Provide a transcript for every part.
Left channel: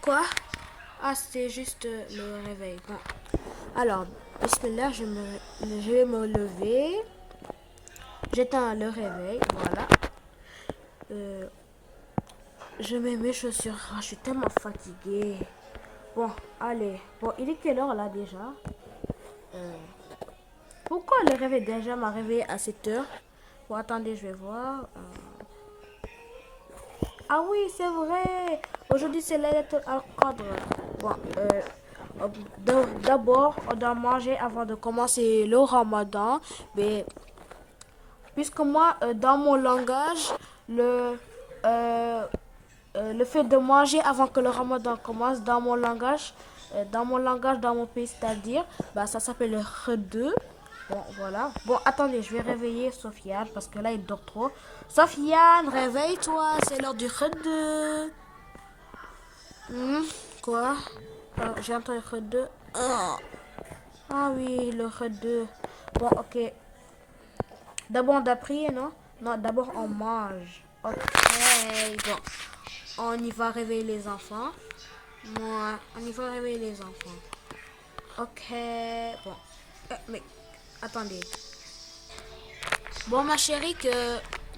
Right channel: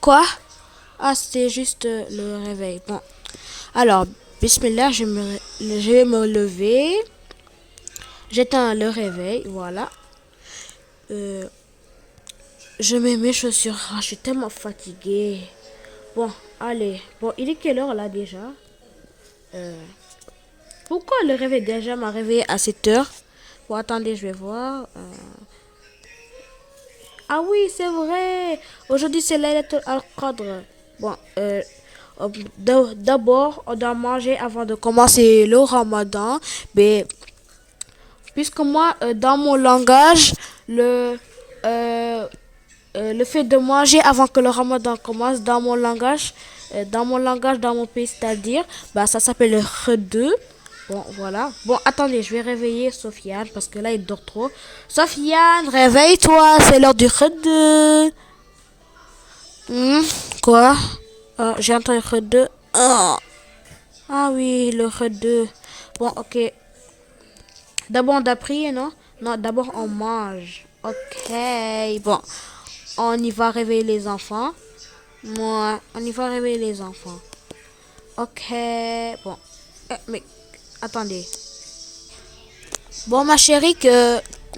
Quoi? Ah, c'était juste le réveil. Bon. Alors, bismillah, je vais me lever. J'éteins le réveil, voilà. Euh, je mets mes chaussures. Ah, je suis tellement fatiguée. Bon, allez. Bon, il est quelle heure là déjà? Euh, Pourquoi le réveil déjà m'a réveillé à 7 heures? Bon, attendez, je vais voir. Ah oui, c'est vrai. Aujourd'hui, c'est Laylatul Al-Qadr. Bon, d'abord, on doit manger avant de commencer le ramadan. Mais puisque moi, dans mon langage, le fait de manger avant que le ramadan commence, dans mon pays, c'est-à-dire, bah, ça s'appelle le khedou. Bon, voilà. Bon, attendez, je vais réveiller Sofiane parce que là, il dort trop. Sofiane, réveille-toi, c'est l'heure du khedou. Hmm, quoi? Ah, j'ai entendu khedou. Ah. Ah oui, le khedou. Bon, ok. D'abord, on doit prier, non? Non, d'abord, on mange. Ok, bon. On y va réveiller les enfants. Moi, on y va réveiller les enfants. Ok, bon. Mais, attendez. Bon, ma chérie,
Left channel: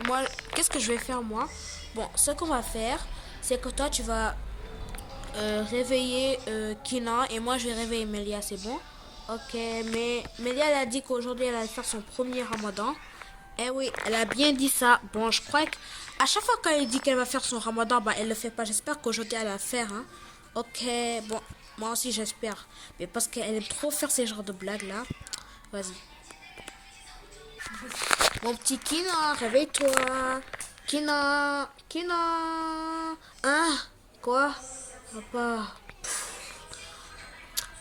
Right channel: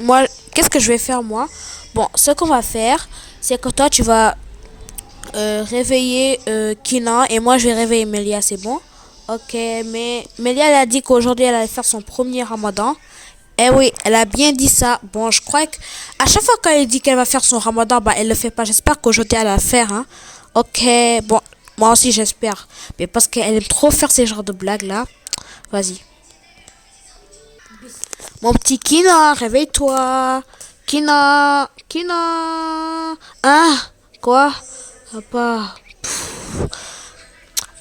moi, qu'est-ce que je vais faire, moi? Bon, ce qu'on va faire, c'est que toi, tu vas réveiller Kina et moi, je vais réveiller Melia, c'est bon? Ok, mais Melia, elle a dit qu'aujourd'hui, elle allait faire son premier ramadan. Eh oui, elle a bien dit ça. Bon, je crois que à chaque fois qu'elle dit qu'elle va faire son ramadan, bah elle le fait pas. J'espère qu'aujourd'hui elle va le faire, hein. Ok, bon, moi aussi j'espère. Mais parce qu'elle aime trop faire ces genres de blagues là. Vas-y. Mon petit Kina, réveille-toi. Kina, Kina. Hein? Quoi? Papa.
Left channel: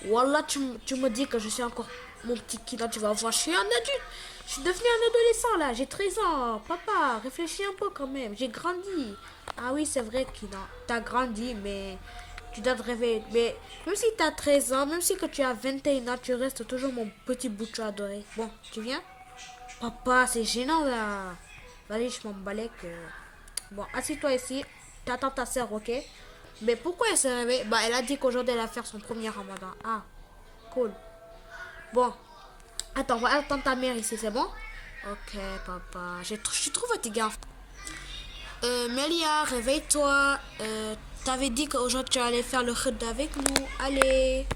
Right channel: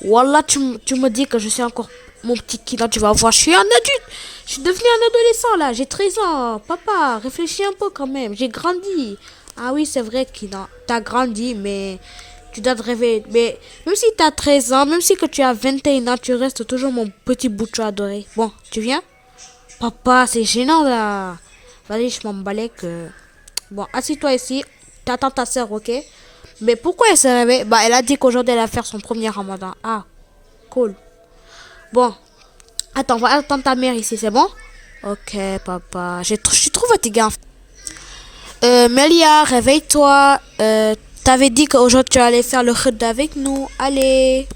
Wallah, tu me dis que je suis encore mon petit Kina, tu vas voir. Je suis un adulte. Je suis devenu un adolescent là. J'ai 13 ans. Papa, réfléchis un peu quand même. J'ai grandi. Ah oui, c'est vrai, Kina. T'as grandi, mais tu dois te réveiller. Mais même si t'as 13 ans, même si que tu as 21 ans, tu restes toujours mon petit bouchon adoré. Bon, tu viens? Papa, c'est gênant là. Vas-y, je m'en balais que. Bon, assis-toi ici. T'attends ta soeur, ok? Mais pourquoi elle s'est réveillée? Bah, elle a dit qu'aujourd'hui elle va faire son premier ramadan. Ah, cool. Bon, attends, on va attendre ta mère ici, c'est bon? Ok, papa. Je suis trop fatiguée. Melia, réveille-toi. T'avais dit qu'aujourd'hui tu allais faire le khud avec nous. Allez.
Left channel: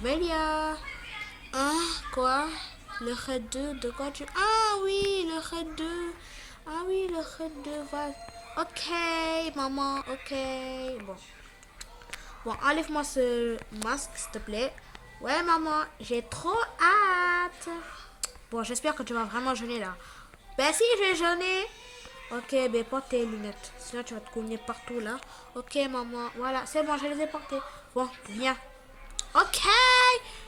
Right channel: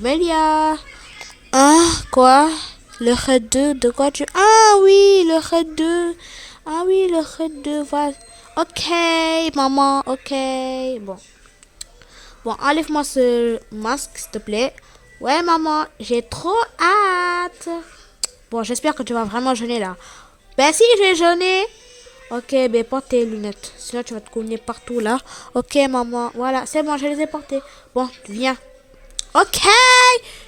Melia. Hein? Quoi? Le khud de quoi tu... Ah oui, le khud. Ah oui, le khud va... Ok, maman, ok. Bon. Bon, enlève-moi ce masque, s'il te plaît. Ouais, maman, j'ai trop hâte. Bon, j'espère que tu vas vraiment jeûner là. Ben si, je vais jeûner. Ok, ben porte tes lunettes. Sinon, tu vas te cogner partout là. Ok, maman. Voilà, c'est bon, je les ai portées. Bon, viens. Ok.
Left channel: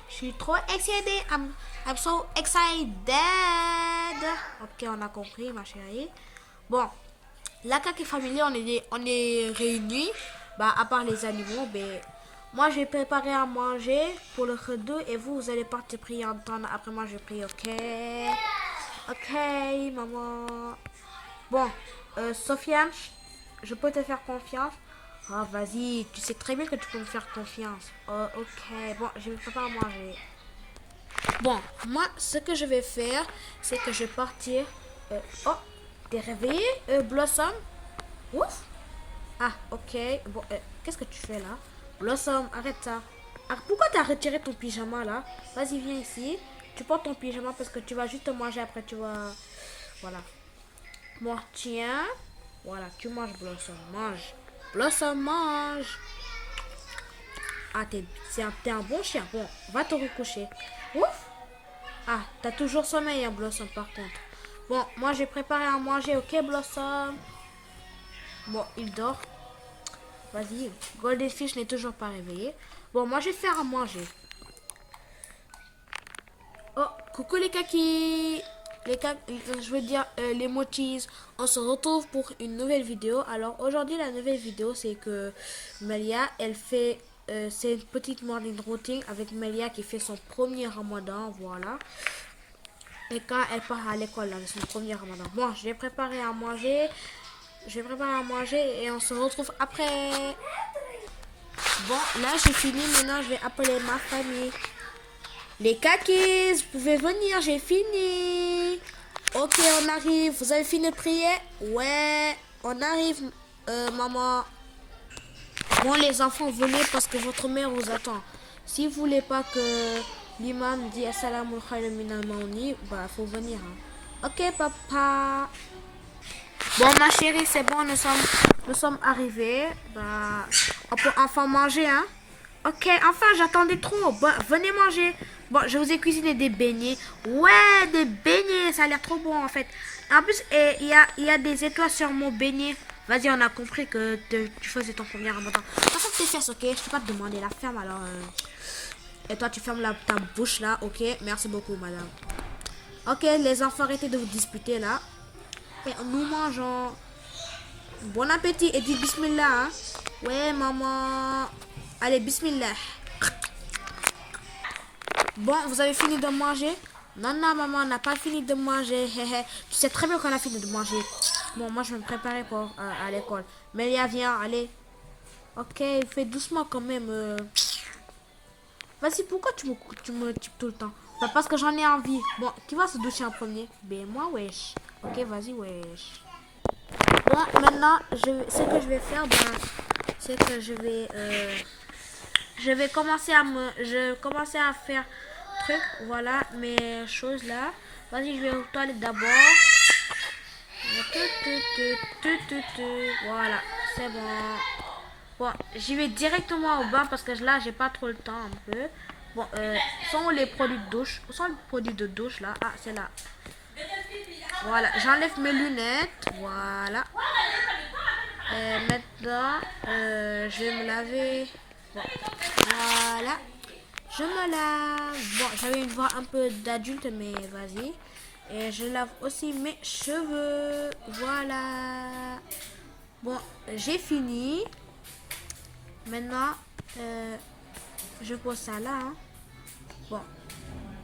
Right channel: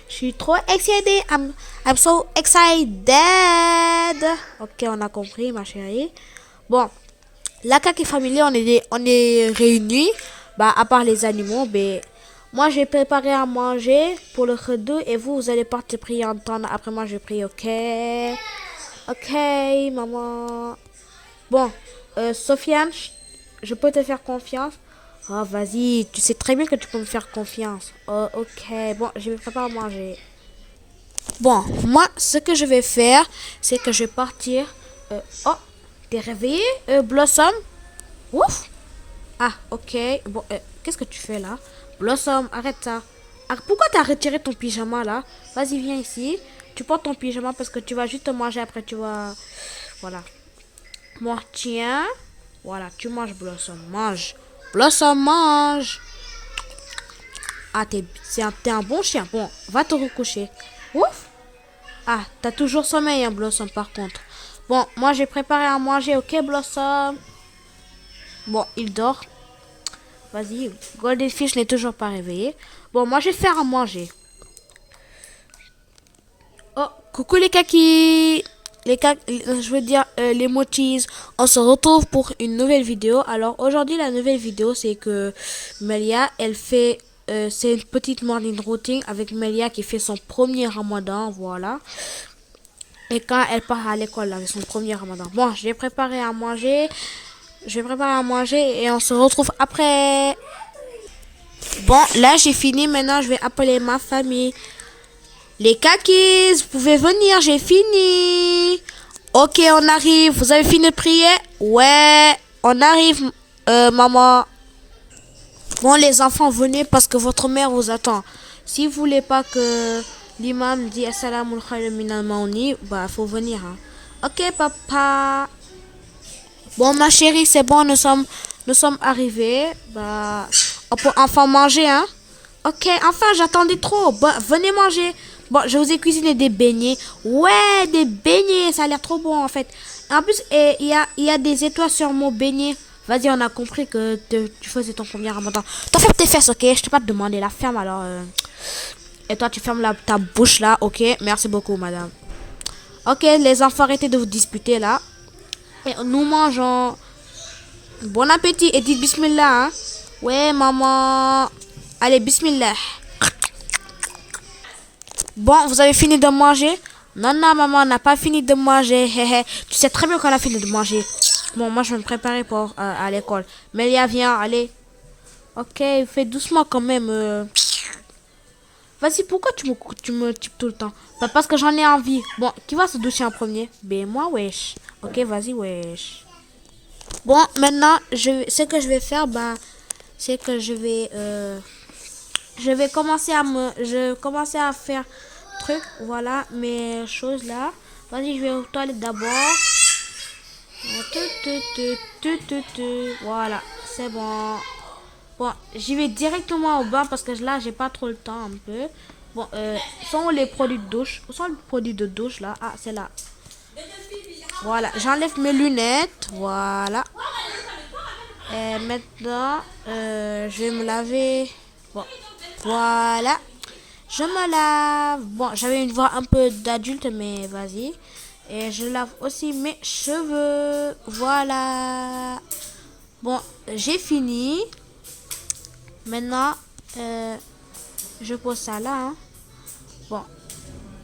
Je suis trop excitée. I'm so excited. Ok, on a compris, ma chérie. Bon, la Kaki Family, on est réunis. Bah, à part les animaux, ben, moi, j'ai préparé à manger pour le khedou et vous, vous allez partir prier en temps. Après, moi, je prie, ok? Ok, maman. Bon, Sofiane, je peux te faire confiance? Oh, vas-y, tu sais très bien que tu peux me faire confiance. Oh, ok, bon, je vais préparer à manger. Bon, moi, ce que je vais faire, c'est que je vais partir. Oh, t'es réveillé, Blossom? Ouf! Ah, ok. Bon, qu'est-ce que tu fais là? Blossom, arrête ça. Ah, pourquoi t'as retiré ton pyjama là? Vas-y, viens ici. Tu portes ton pyjama parce que tu vas juste manger après, tu vas... Voilà. Moi, tiens. Voilà, tu manges, Blossom. Mange. Blossom, mange. Ah, t'es un bon chien. Bon, va te recoucher. Ouf. Ah, t'as toujours sommeil, hein, Blossom, par contre. Bon, moi, j'ai préparé à manger, ok, Blossom? Bon, il dort. Vas-y, Goldfish n'est toujours pas réveillé. Bon, moi, je vais faire à manger. Oh, coucou les kakis. Je veux dire les motis. On se retrouve pour une nouvelle vidéo. Alors aujourd'hui la nouvelle vidéo c'est que Melia elle fait c'est une petite morning routine avec Melia qui fait son premier ramadan, voilà. Et quand elle part à l'école avec son premier ramadan. Bon, je vais préparer à manger. Je vais préparer à manger et on se retrouve après. Bon, là, j'ai fini. Maintenant, je vais appeler ma famille. Les kakis, vous pouvez venir, j'ai fini. Ok, on arrive. Vous avez fini de prier? Ouais, on arrive, maman. Bon, les enfants, venez parce que votre mère vous attend. Si vous voulez pas que l'imam dit Assalamu alaikum minal maoni, bah, faut venir. Hein. Ok, papa. Bon, ma chérie, c'est bon, nous sommes arrivés. Bah, on peut enfin manger, hein? Ok, enfin, j'attendais trop. Bah, venez manger. Bon, je vous ai cuisiné des beignets. Ouais, des beignets, ça a l'air trop bon, en fait. En plus, il y a des étoiles sur mon beignet. Vas-y, on a compris que tu faisais ton premier ramadan. T'as fait tes fesses, ok? Je t'ai pas demandé la ferme, alors... Et toi, tu fermes ta bouche, là, ok? Merci beaucoup, madame. Ok, les enfants, arrêtez de vous disputer, là. Et nous mangeons. Bon appétit et dites bismillah. Hein? Ouais, maman. Allez, bismillah. Bon, vous avez fini de manger? Non, non, maman, on n'a pas fini de manger. Tu sais très bien qu'on a fini de manger. Bon, moi, je vais me préparer pour à l'école. Melia, viens, allez. Ok, fais doucement quand même. Vas-y, pourquoi tu me types tout le temps? Bah, parce que j'en ai envie. Bon, qui va se doucher en premier? Ben, moi, wesh. Ok, vas-y, wesh. Bon, maintenant, ce que je vais faire, ben, c'est que je vais commencer à faire truc, voilà, mes choses là. Vas-y, je vais aux toilettes d'abord. Voilà, c'est bon. Bon, j'y vais directement au bain parce que là, j'ai pas trop le temps un peu. Bon, sont les produits de douche? Où sont les produits de douche là? Ah, c'est là. Voilà, j'enlève mes lunettes. Voilà. Maintenant, je vais me laver. Bon, voilà. Je me lave. Bon, j'avais une voix un peu d'adulte, mais vas-y. Et je lave aussi mes cheveux. Voilà. Bon, j'ai fini. Maintenant, je pose ça là. Hein. Bon,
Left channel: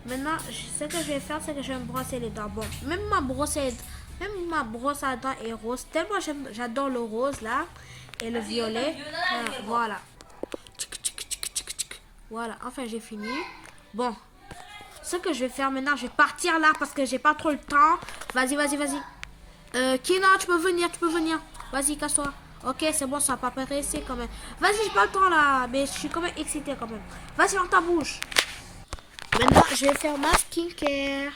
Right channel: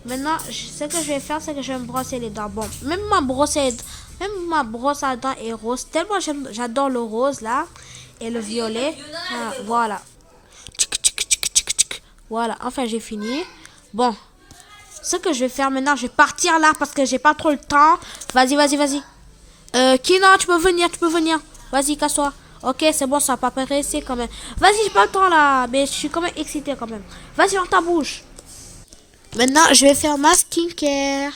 maintenant, ce que je vais faire, c'est que je vais me brosser les dents. Bon, même ma brosse à dents est rose. Tellement j'adore le rose là. Et le violet. Ah, voilà. Voilà, enfin j'ai fini. Bon, ce que je vais faire maintenant, je vais partir là parce que j'ai pas trop le temps. Vas-y, vas-y, vas-y. Kina, tu peux venir, tu peux venir. Vas-y, casse-toi. Ok, c'est bon, ça va pas presser quand même. Vas-y, j'ai pas le temps là, mais je suis quand même excitée quand même. Vas-y, dans ta bouche. Maintenant, je vais faire ma skincare.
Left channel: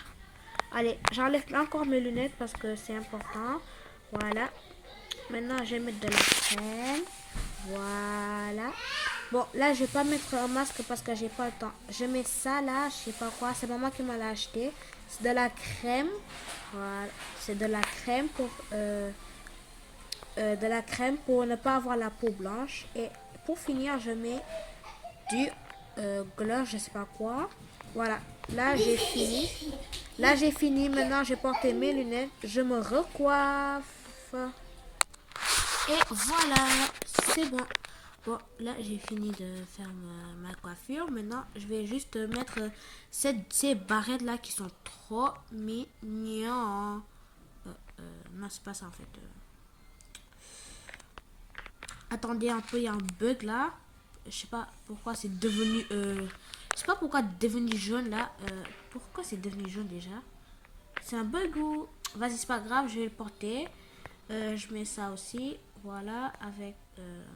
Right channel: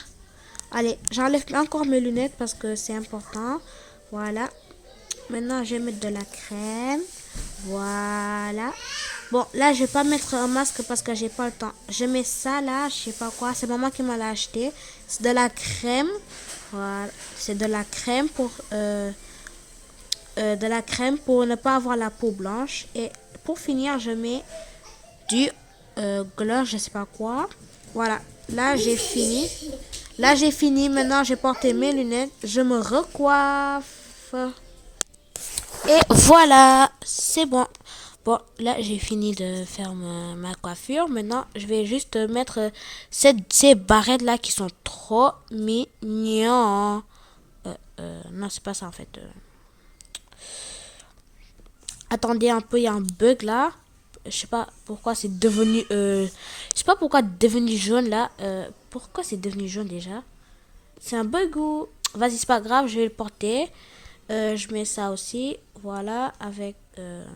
Allez, j'enlève encore mes lunettes parce que c'est important. Voilà. Maintenant, je vais mettre de la crème. Voilà. Bon, là, je vais pas mettre un masque parce que j'ai pas le temps. Je mets ça là, je sais pas quoi. C'est maman qui m'a l'a acheté. C'est de la crème. Voilà. C'est de la crème pour ne pas avoir la peau blanche. Et pour finir, je mets du gloss, je sais pas quoi. Voilà. Là, j'ai fini. Là, j'ai fini. Maintenant, j'ai porté mes lunettes. Je me recoiffe. Et voilà, c'est bon. Bon, là, j'ai fini de faire ma coiffure. Maintenant, je vais juste mettre ces barrettes-là qui sont trop mignons. Non, c'est pas ça, en fait. Attendez un peu, il y a un bug, là. Je sais pas pourquoi c'est devenu... je sais pas pourquoi c'est devenu jaune, là. Pourquoi c'est devenu jaune, déjà? C'est un bug ou... Vas-y, c'est pas grave, je vais le porter. Je mets ça aussi. Voilà, avec...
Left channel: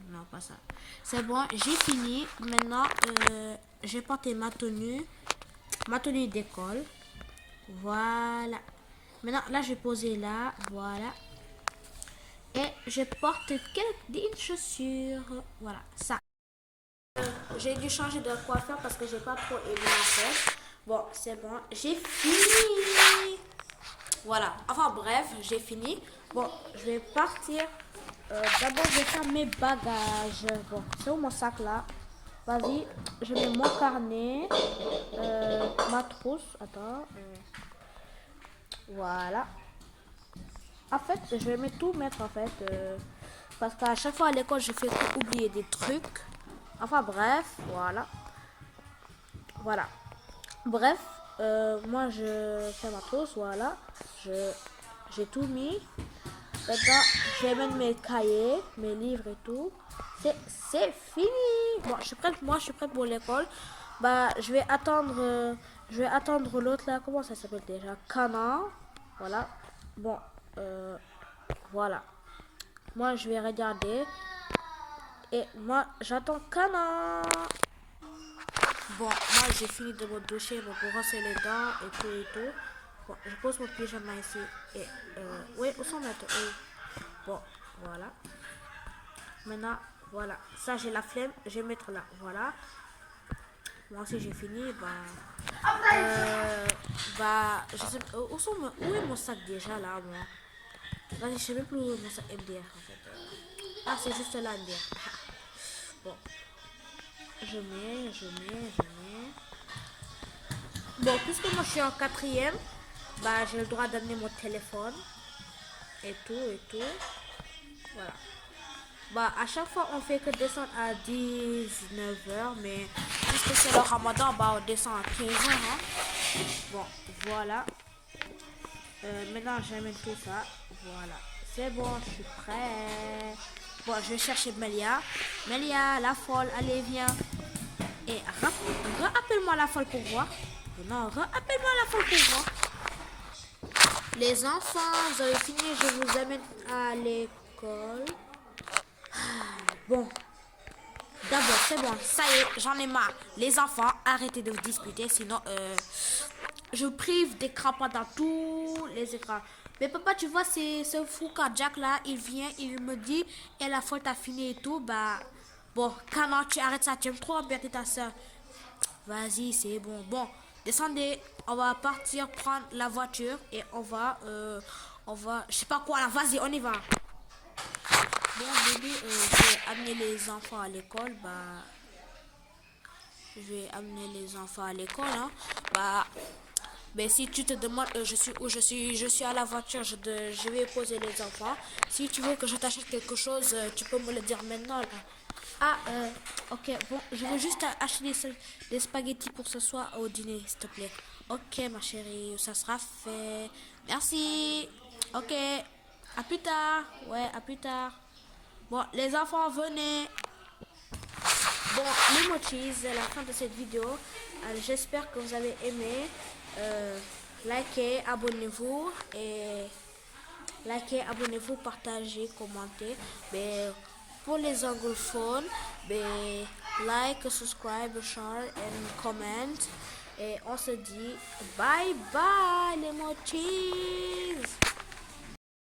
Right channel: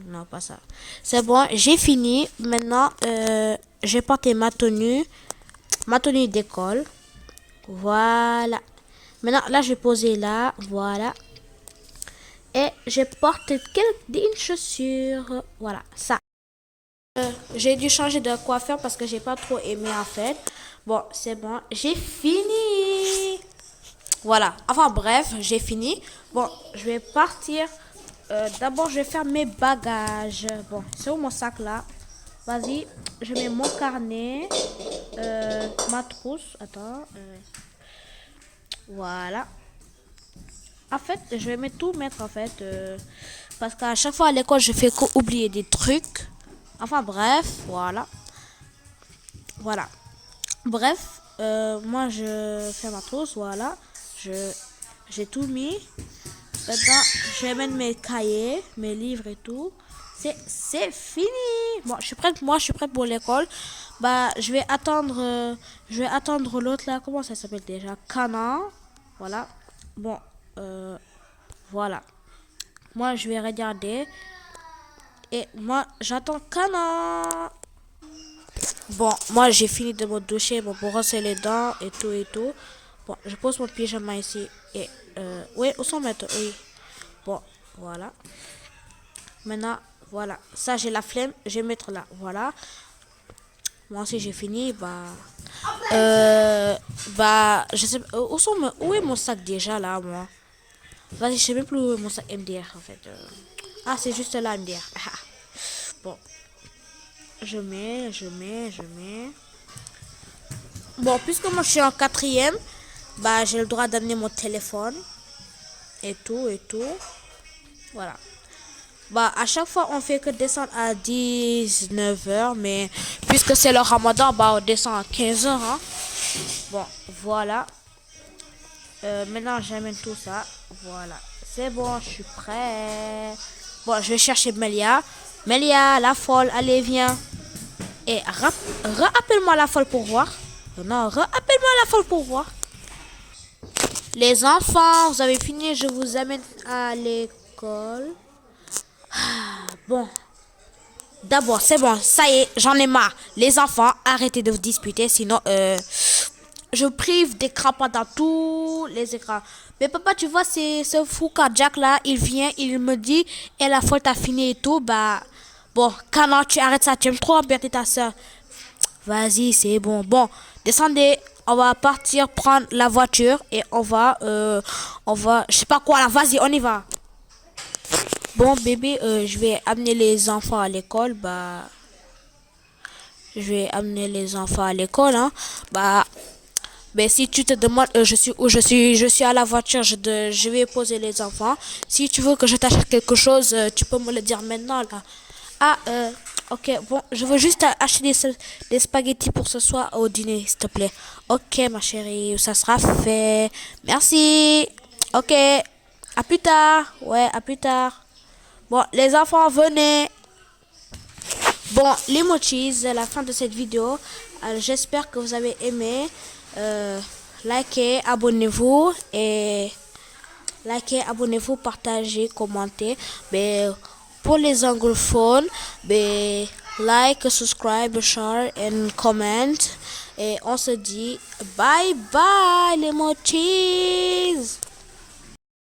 non, pas ça. C'est bon, j'ai fini. Maintenant, j'ai porté ma tenue d'école. Voilà. Maintenant, là, je vais poser là. Voilà. Et je porte une chaussure. Voilà, ça. J'ai dû changer de coiffeur parce que j'ai pas trop aimé en fait. Bon, c'est bon. J'ai fini. Voilà. Enfin bref, j'ai fini. Bon, je vais partir. D'abord, je vais faire mes bagages. Bon, c'est où mon sac là? Vas-y, je mets mon carnet. Ma trousse. Attends. Voilà. En fait, je vais tout mettre en fait. Parce qu'à chaque fois à l'école, je fais oublier des trucs. Enfin bref, voilà. Voilà. Bref, moi je fais ma trousse, voilà. J'ai tout mis. Maintenant, je vais mettre mes cahiers, mes livres et tout. c'est fini. Bon, je suis prête. Moi, je suis prête pour l'école. Bah, je vais attendre l'autre là. Comment ça s'appelle déjà? Cana. Voilà. Bon, voilà. Moi, je vais regarder. Et moi, j'attends Cana. Bon, moi, j'ai fini de me doucher bon, pour brosser les dents et tout et tout. Bon, je pose mon pyjama ici. Et, oui, où sont mes... Oui. Bon, voilà. Maintenant, voilà. Ça, j'ai la flemme. Je vais mettre là. Voilà. Moi aussi, j'ai fini. Je sais pas. Où est mon sac déjà là, moi? Vas-y, je sais même plus où est mon sac MDR en fait. Ah, c'est juste là, MDR. Bon. Je mets. Bon, puisque moi je suis en quatrième, bah j'ai le droit d'amener mon téléphone. Et tout. Voilà. Bah, à chaque fois, on fait que descendre à 19h, mais puisque c'est le ramadan, bah, on descend à 15h. Hein. Bon, voilà. Maintenant, j'amène tout ça. Voilà. C'est bon, je suis prêt. Bon, je vais chercher Melia. Melia, la folle, allez, viens. Et rappelle-moi la folle pour voir. Non, rappelle-moi la folle pour voir. Les enfants, vous avez fini, je vous amène à l'école. Bon, d'abord, c'est bon, ça y est, j'en ai marre. Les enfants, arrêtez de vous disputer, sinon je prive d'écran pendant tous les écrans. Mais papa, tu vois, c'est ce fou cardiaque là, il vient, il me dit, et la faute a fini et tout, bah, bon, quand tu arrêtes ça, tu aimes trop embêter ta soeur. Vas-y, c'est bon. Bon, descendez, on va partir prendre la voiture et on va, je sais pas quoi là, vas-y, on y va. Bon bébé, je vais amener les enfants à l'école, bah, je vais amener les enfants à l'école, hein, bah, mais si tu te demandes je suis où je suis à la voiture, je vais poser les enfants. Si tu veux que je t'achète quelque chose, tu peux me le dire maintenant là. Ah, ok, bon, je veux juste acheter des spaghettis pour ce soir au dîner, s'il te plaît. Ok, ma chérie, ça sera fait. Merci. Ok, à plus tard. Ouais, à plus tard. Bon, les enfants, venez. Bon, les mochis, c'est la fin de cette vidéo. J'espère que vous avez aimé. Likez, abonnez-vous et partagez, commentez. Mais pour les anglophones, like, subscribe, share and comment. Et on se dit bye bye les mochis.